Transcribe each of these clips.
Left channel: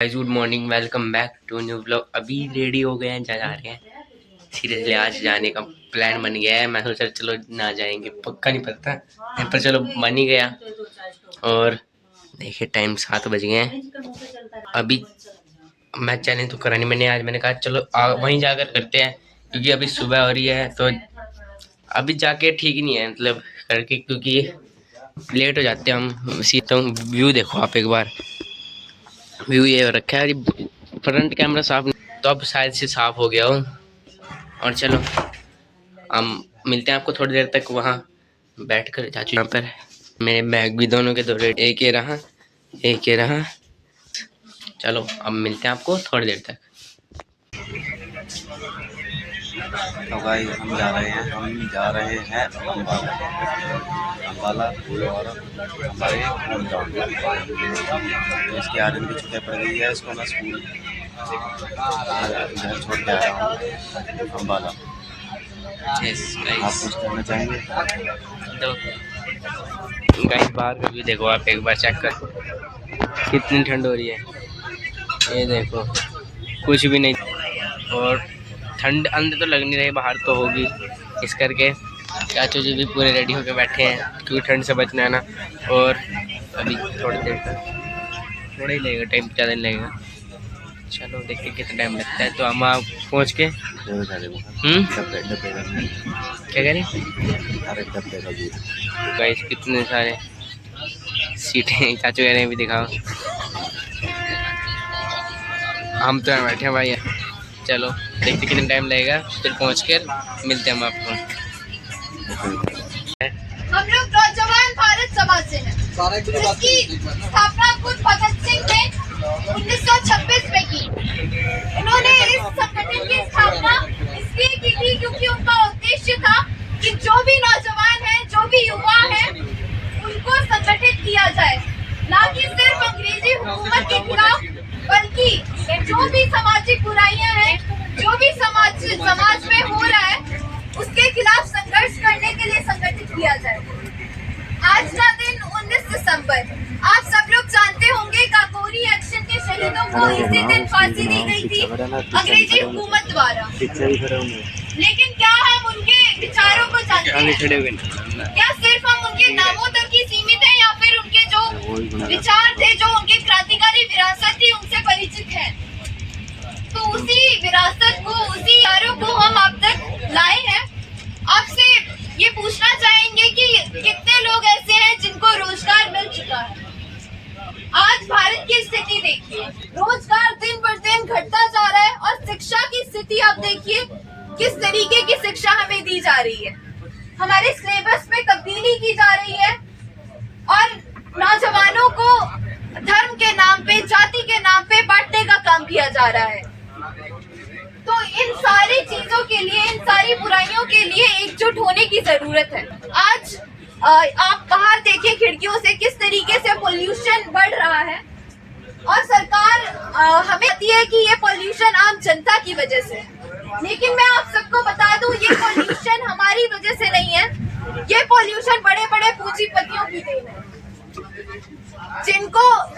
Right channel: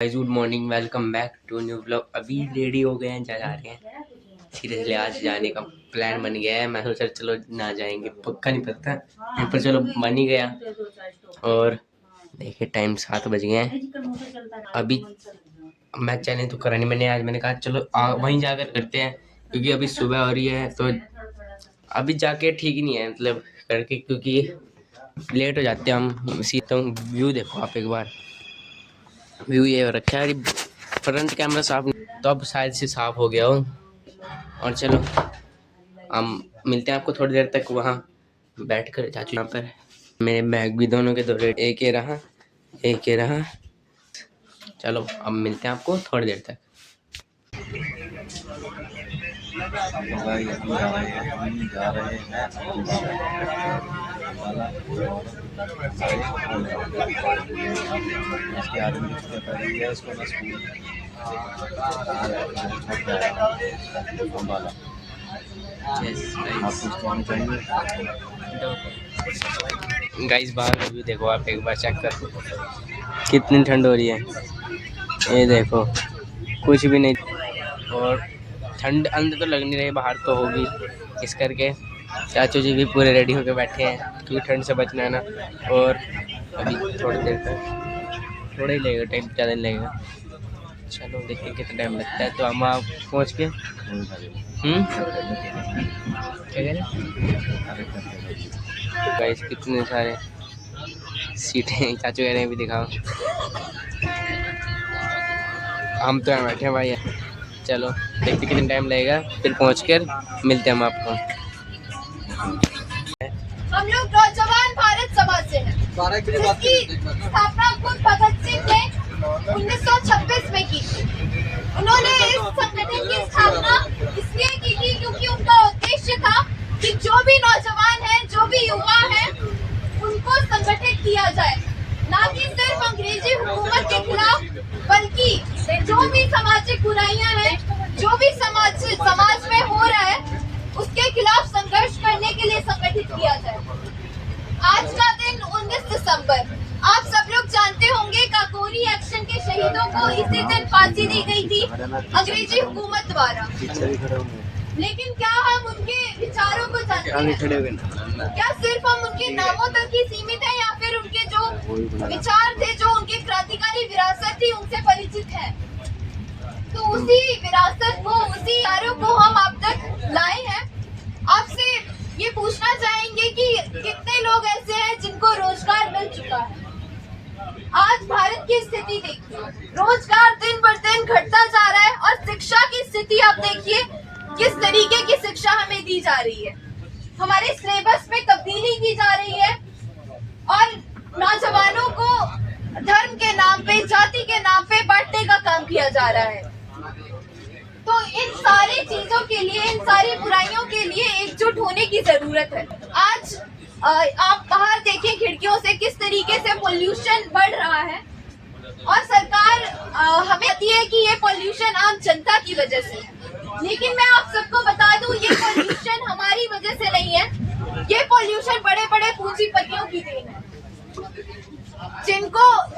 Guys good morning, welcome back to new vlog. अभी ready हो गए हैं, जा रहे हैं। सीरियसली आज जाने का प्लान बन गया है। मैं सोचा चलो ना जाएंगे, पक्का नहीं पता नहीं, पर चलो बन ही गया। और देखिए टाइम 7 बज गए हैं। अभी मैं चैलेंज तो करा नहीं मैंने, आज मैंने कहा चलो वहीं जाकर करते हैं, क्योंकि अभी सुबह हो रही है तो अभी जाके ठीक नहीं है मतलब करके, क्योंकि लेट हो जाते हैं हम। सीता हूँ, व्यू देखो आप एक बार, व्यू ये रखा है। फ्रंट कैमरा साफ नहीं, तो अब शायद से साफ हो गया हो। और चलो हम मिलते हैं आपको थोड़ी देर तक वहाँ बैठ कर। चाचू यहाँ पर मेरे बैग भी दोनों के दो रेट, एक ये रहा एक ये रहा। चलो अब मिलते हैं आपको थोड़ी देर तक। तो भाई हम जा रहे हैं अम्बाला और हमारे होम टाउन। तो इसकी आर्यन की छुट्टियाँ पड़ गई है, इसको मैं स्कूल घर छोड़ के आया हूँ अम्बाला। आप कुछ कहना चाहेंगे? तो गाइस बाहर का व्यू देखो आप एक बार चेक कर, कितनी ठंड हो रही है। ये देखो कुछ भी नहीं, और ठंड अंदर तो लग नहीं रही, बाहर तो होगी। इस करके चाचू जी भी पूरे रेडी होकर बैठे हैं, क्योंकि ठंड से बचना है ना। और अभी थोड़ी देर तक, थोड़ा ही लगेगा टाइम, ज़्यादा नहीं लगेगा। चलो देखते कितना टाइम लगता है। तो हम आप पहुँच के क्या करें। तो गाइस कितने सारे सीटें चाचू कह रहे हैं, भी दिखाओ। हम तो यहाँ बैठे हैं भाई। चलो देखते कितना टाइम लगेगा, फिर पहुँच कर मिलते हैं हम आपको। हम लोग नौजवान भारत सभा से हैं, जिसकी स्थापना खुद भगत सिंह ने 1926 में की। उन्होंने इस संगठन की स्थापना इसलिए की थी क्योंकि उनका उद्देश्य था कि जो भी नौजवान हैं, जो भी युवा हैं, उनको संगठित किया जाए, ना कि सिर्फ अंग्रेजी हुकूमत के खिलाफ, बल्कि जो भी सामाजिक बुराइयां हैं, जो भी समाज में हो रहा है, उसके खिलाफ संघर्ष करने के लिए संगठित किया जाए। आज का दिन 19 दिसंबर, आप सब लोग जानते होंगे, काकोरी एक्शन के शहीदों को इसी दिन फांसी दी गई थी अंग्रेजी हुकूमत द्वारा। लेकिन क्या हम उनके विचारों को जानते हैं? क्या सिर्फ हम उनके नामों तक ही सीमित हैं, या फिर उनके जो विचार थे, जो उनकी क्रांतिकारी विरासत थी, उनसे परिचित हैं? तो उसी विरासत को, उसी विचारों को हम आप तक लाए हैं। आपसे ये पूछना चाहेंगे कि कितने लोग ऐसे हैं जिनको रोजगार मिल चुका है। आज भारत की स्थिति देखिए, रोजगार दिन बर दिन घटता जा रहा है, और शिक्षा की स्थिति आप देखिए, किस तरीके की शिक्षा हमें दी जा रही है। हमारे सिलेबस में तब्दीली की जा रही है, और नौजवानों को धर्म के नाम पे, जाति के नाम पे बांटने का काम किया जा रहा है। तो इन सारी चीजों के लिए, इन सारी बुराइयों के लिए एकजुट होने की जरूरत है। आज आप बाहर देखें खिड़कियों से, किस तरीके से पोल्यूशन बढ़ रहा है, और सरकार हमें कहती है कि ये पोल्यूशन आम जनता की वजह से है। लेकिन मैं आप सबको बता दूं, ये पोल्यूशन हमारी वजह से नहीं है, ये पोल्यूशन बड़े बड़े पूंजीपतियों की देन है,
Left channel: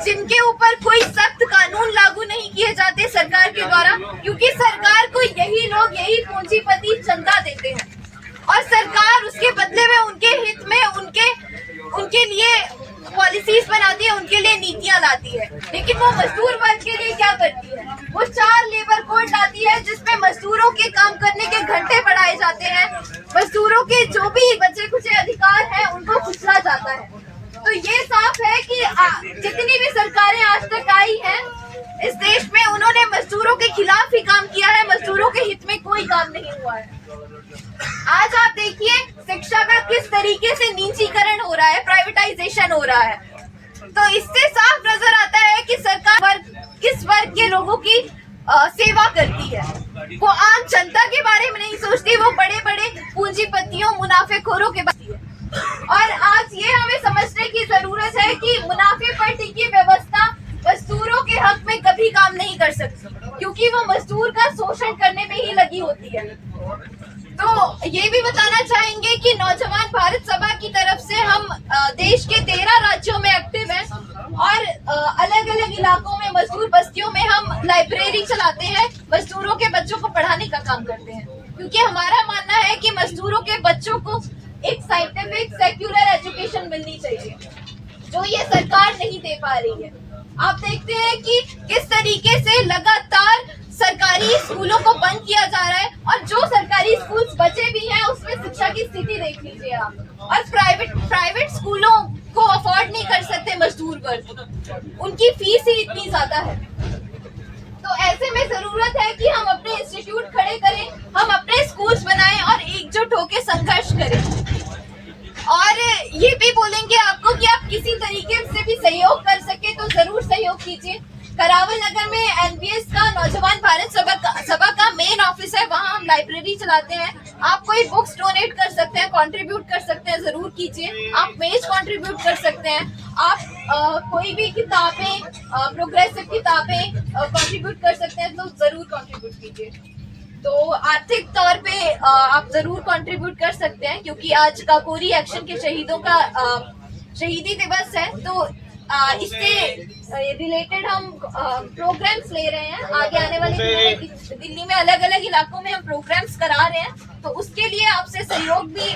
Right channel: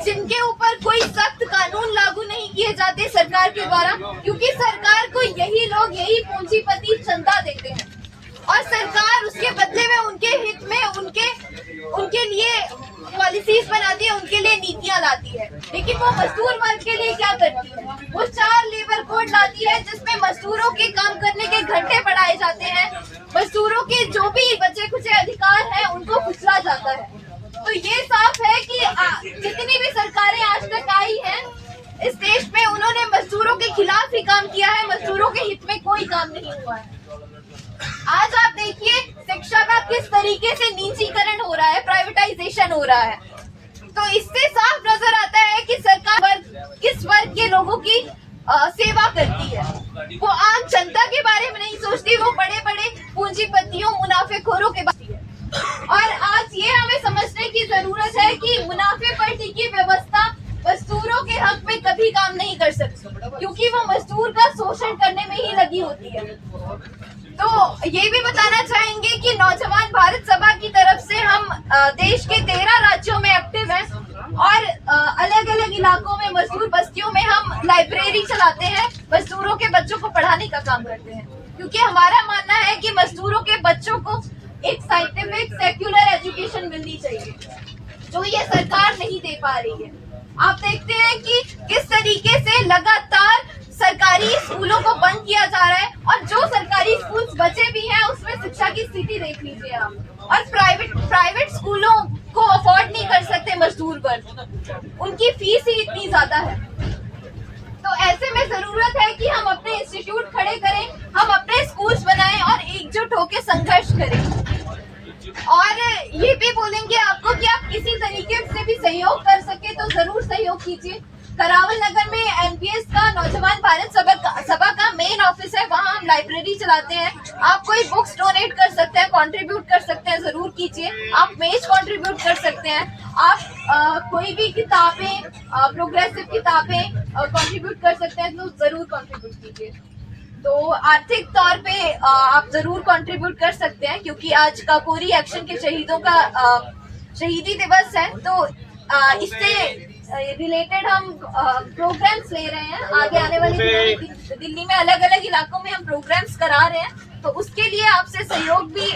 जिनके ऊपर कोई सख्त कानून लागू नहीं किए जाते सरकार के द्वारा, क्योंकि सरकार को यही लोग, यही पूंजीपति चंदा देते हैं, और सरकार उसके बदले में उनके हित में उनके लिए पॉलिसीज बनाती है, उनके लिए नीतियां लाती है। लेकिन वो मजदूर वर्ग के लिए क्या करती है? वो 4 लेबर कोड लाती है, जिसमें मजदूरों के काम करने के घंटे बढ़ाए जाते हैं, मजदूरों के जो भी बचे कुचे अधिकार हैं उनको कुचला जाता है। तो ये साफ है कि जितनी भी सरकारें आज तक आई हैं इस देश में, उन्होंने मजदूरों के खिलाफ ही काम किया है, मजदूरों के हित में कोई काम नहीं हुआ है। आज आप देखिए शिक्षा का किस तरीके से निजीकरण हो रहा है, प्राइवेटाइजेशन हो रहा है। तो इससे साफ नजर आता है कि सरकार किस वर्ग के लोगों की सेवा करती है। वो आम जनता के बारे में नहीं सोचती, वो बड़े बड़े पूंजीपतियों, मुनाफेखोरों के बारे में। और आज ये हमें समझने की जरूरत है कि मुनाफे पर टिकी व्यवस्था मजदूरों के हक में कभी काम नहीं कर सकती, क्योंकि वो मजदूर का शोषण करने में ही लगी होती है। तो ये भी बताना चाहेंगे कि नौजवान भारत सभा की तरफ से हम देश के 13 राज्यों में एक्टिव हैं और अलग अलग इलाकों में मजदूर बस्तियों में हम लाइब्रेरी चलाते हैं, मजदूरों के बच्चों को पढ़ाने का काम करते हैं, क्योंकि हमारा मानना है कि मजदूरों के बच्चों को एक साइंटिफिक सेक्युलर एजुकेशन मिलनी चाहिए जो ये सरकार नहीं दे पा रही है। आप देखते हैं कि किस तरीके से लगातार सरकारी स्कूलों को बंद किया जा रहा है और जो सरकारी स्कूल्स बचे भी हैं उसमें शिक्षा की स्थिति देख लीजिए आप। और प्राइवेट स्कूलों को अफोर्ड नहीं कर सकते मजदूर वर्ग, उनकी फीस ही इतनी ज्यादा है। तो ऐसे में जरूरत है कि हम अपने इंस्टीट्यूट खड़े करें, हम अपने स्कूल्स बनाएं और एकजुट होकर संघर्ष करें। और ये भी बोलेंगे आपको कि आप किसी तरीके से भी सहयोग कर सके तो जरूर सहयोग कीजिए। करावल नगर में एनपीएस का नौजवान भारत सभा का मेन ऑफिस है, वहाँ हम लाइब्रेरी चलाते हैं। आप कोई बुक्स डोनेट कर सकते हैं, कंट्रीब्यूट कर सकते हैं, जरूर कीजिए। आप मेज कंट्रीब्यूट कर सकते हैं, आप कोई भी किताबें, प्रोग्रेसिव किताबें कंट्रीब्यूट कर सकते हैं, तो जरूर कंट्रीब्यूट कीजिए। तो आर्थिक तौर पे आप जरूर कंट्रीब्यूट कर सकते हैं, क्योंकि आज काकोरी एक्शन के शहीदों का शहीदी दिवस है। तो इससे रिलेटेड हम प्रोग्राम्स ले रहे हैं। आगे आने वाले दिनों में दिल्ली में अलग अलग इलाकों में हम प्रोग्राम्स करा रहे हैं, तो उसके लिए आपसे सहयोग भी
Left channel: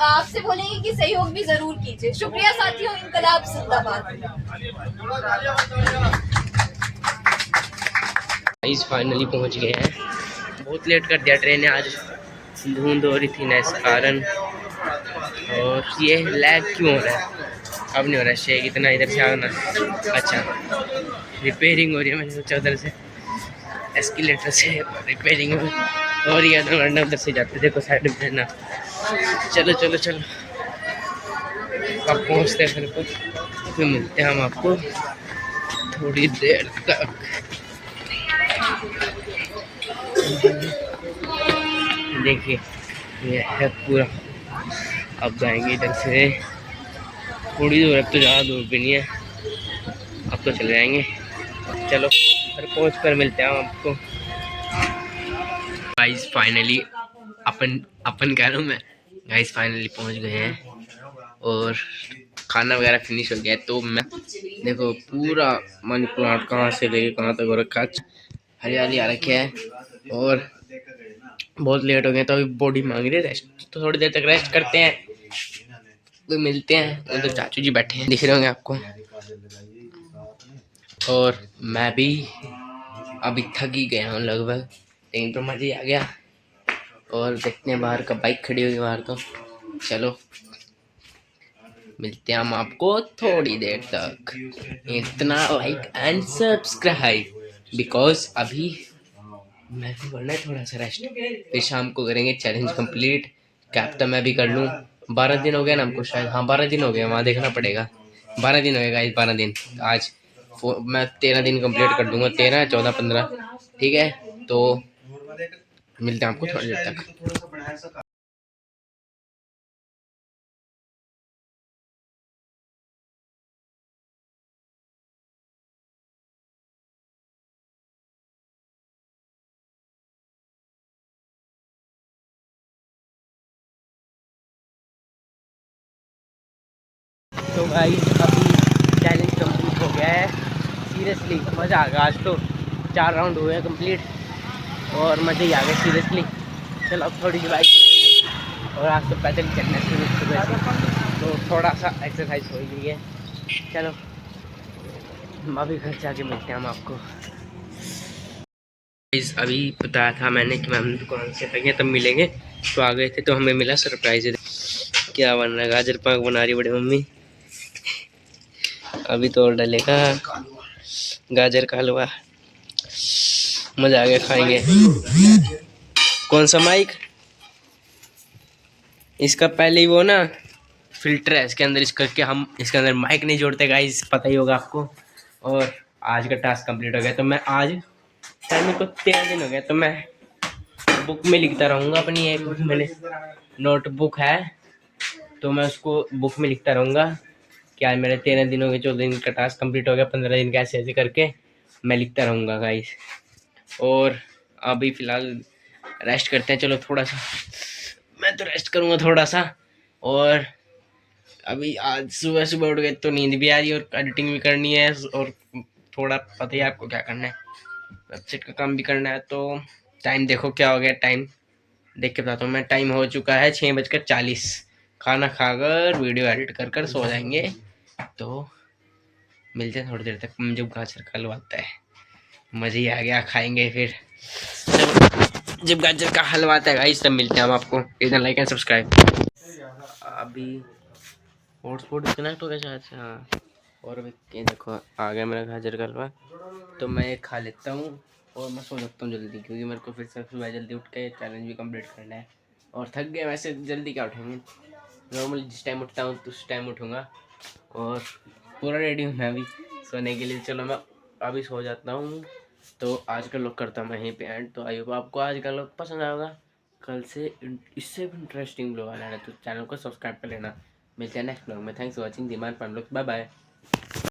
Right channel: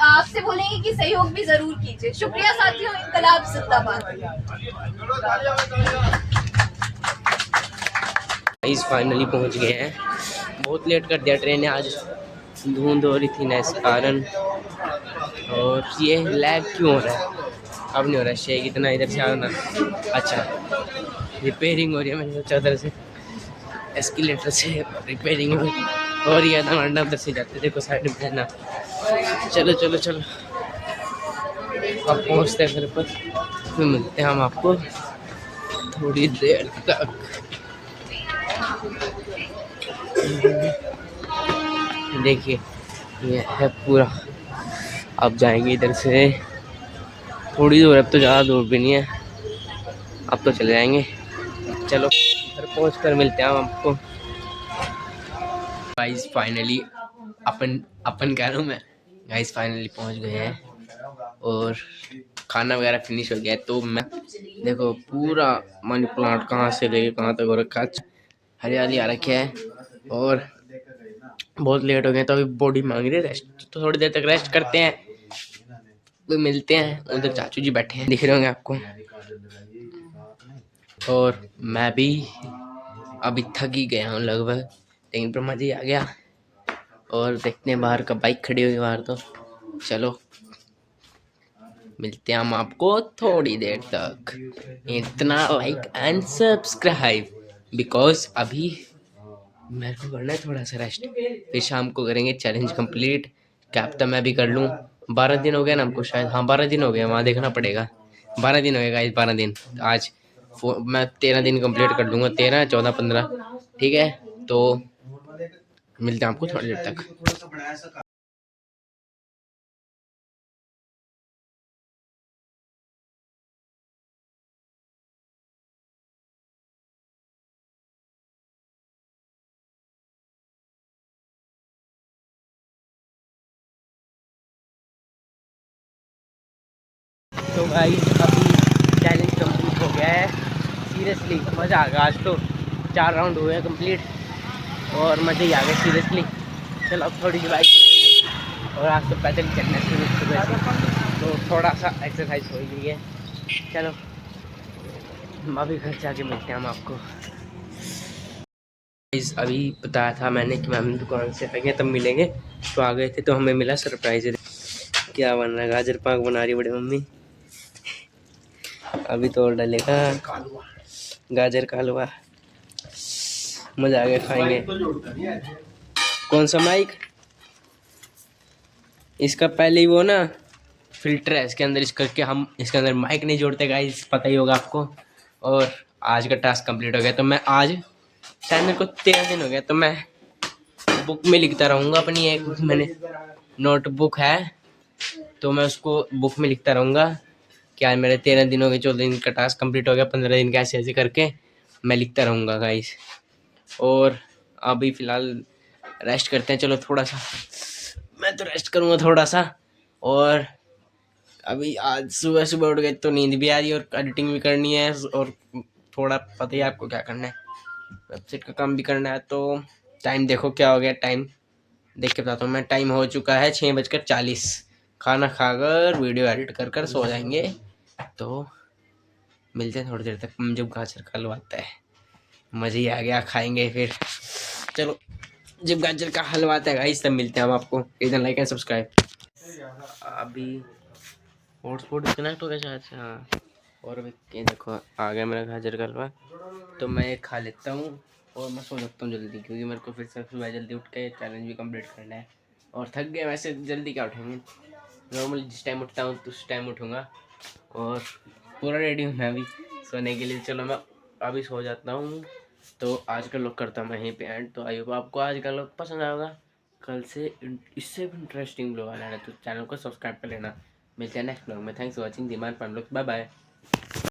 आपसे बोलेंगे कि सहयोग भी जरूर कीजिए। शुक्रिया साथियों, इनकलाब जिंदाबाद। गाइस फाइनली पहुंच गए हैं। बहुत लेट कर दिया ट्रेन ने, आज धुंध हो रही थी ना इस कारण। और ये लैग क्यों हो रहा है? अब नहीं हो रहा शेक इतना, इधर से आना। अच्छा रिपेयरिंग हो रही है, मैंने सोचा उधर से एस्केलेटर से रिपेयरिंग हो रही है, वरना उधर से जाते। देखो साइड में है ना। चलो चलो चलो अब पहुँचते हैं फिर फिर मिलते हैं हम आपको थोड़ी देर तक। देखिए ये है पूरा। अब जाएंगे इधर से थोड़ी दूर, अब तो ज़्यादा दूर भी नहीं है, अब तो चले जाएंगे। चलो घर पहुँच कर मिलते हैं हम आपको। गाइस फाइनली अपन कह रहा हूँ मैं, गाइस फाइनली पहुँच गए हैं और खाना वगैरह फिनिश हो गया है। तो मैं देखो पूरा मनी प्लांट कहाँ से लेके कहाँ तक हो रखा, हरियाली आ रखी है। और बहुत लेट हो गए तो अभी बॉडी मांग रही है रेस्ट, तो थोड़ी देर तक रेस्ट करते हैं, तो मिलते हैं। उधर चाचू जी बैठे हैं, दिख रहे होंगे आपको। और मैं भी अभी थक ही गया हूँ लगभग, लेकिन तो मज़ा ही आ गया। और देखते हैं बाहर का बाइक खड़ी हुई बाहर, तो चलो मिलते हैं हम आपको थोड़ी देर तक। इतना लाइक एंड सब्सक्राइब, बिकॉज अभी मैं भी करना है थोड़ा सा रेस्ट, फिर शाम को करेंगे चैलेंज कंप्लीट। क्या पता मैं भी कर लूँ। 12 दिन हो गया ना हमको शायद, हाँ 12 दिन हो गए, वहाँ देखना पड़ेगा। 12 दिन हो गए गाइस, 12 दिन। आज मैं 13 दिन कंप्लीट कर दूंगा, 13 14 15, ठीक है। तो मिलते हैं आपको थोड़ी देर तक। तो भाई अभी चैलेंज कंप्लीट हो गया है। सीरियसली मज़ा आ गया। आज तो 4 राउंड हुए हैं कंप्लीट और मज़े ही आ गए सीरियसली। चलो अब थोड़ी सी बाइक चलाएंगे और आज तो पैदल चलना शुरू सुबह से, तो थोड़ा सा एक्सरसाइज हो गई है। चलो अभी घर जाके मिलते हैं हम आपको। अभी बताया था मैंने कि मैम दुकान से आएंगे तब मिलेंगे, तो आ गए थे तो हमें मिला सरप्राइज। क्या बन रहा है? गाजर पाक बना रही बड़ी मम्मी। अभी तो डलेगा गाजर का हलवा, मज़ा आ गया, खाएंगे। कौन सा माइक? इसका पहले ही वो ना फिल्टर है इसके अंदर, इस करके हम इसके अंदर माइक नहीं जोड़ते गाइस, पता ही होगा आपको। और आज का टास्क कंप्लीट हो गया, तो मैं आज शायद मेरे को 13 दिन हो गया, तो मैं बुक में लिखता रहूँगा अपनी। एक मैंने नोटबुक है, तो मैं उसको बुक में लिखता रहूँगा कि आज मेरे 13 दिन हो गए, 14 दिन का टास्क कंप्लीट हो गया, 15 दिन का, ऐसे ऐसे करके मैं लिखता रहूँगा गाइस। और अभी फ़िलहाल रेस्ट करते हैं। चलो थोड़ा सा, मैं तो रेस्ट करूँगा थोड़ा सा। और अभी आज सुबह सुबह उठ गए तो नींद भी आ रही है और एडिटिंग भी करनी है, और थोड़ा पता ही है आपको क्या करना है, वेबसाइट का काम भी करना है। तो टाइम देखो क्या हो गया, टाइम देख के बताता हूँ मैं। टाइम हो चुका है 6:40। खाना खाकर वीडियो एडिट कर कर सो जाएंगे। तो मिलते हैं थोड़ी देर तक जब गाजर का हलवा आता है। मज़े ही आ गया, खाएंगे फिर। चलो जब गाजर का हलवा आता है गाइस तब मिलते हैं हम आपको। इधर लाइक एंड सब्सक्राइब। अभी हॉटस्पॉट डिस्कनेक्ट हो गया शायद से, हाँ। और अभी ये देखो आ गया मेरा गाजर का हलवा। तो मैं ये खा लेता हूँ और मैं सो सकता हूँ जल्दी, क्योंकि मेरे को फिर से सुबह जल्दी उठ के चैलेंज भी कंप्लीट करना है। और थक गए वैसे, जल्दी क्या उठेंगे, नॉर्मली जिस टाइम उठता हूँ तो उस टाइम उठूँगा। और पूरा रेडी हूँ मैं अभी सोने के लिए। चलो मैं अभी सो जाता हूँ। तो आज का लोग करता हूँ मैं यहीं पे एंड। तो आई होप आपको आज का लोग पसंद आएगा। कल से इससे भी इंटरेस्टिंग ब्लॉग आना है, तो चैनल को सब्सक्राइब कर लेना। मिलते हैं नेक्स्ट ब्लॉग में। Thanks for watching Diman family, bye bye.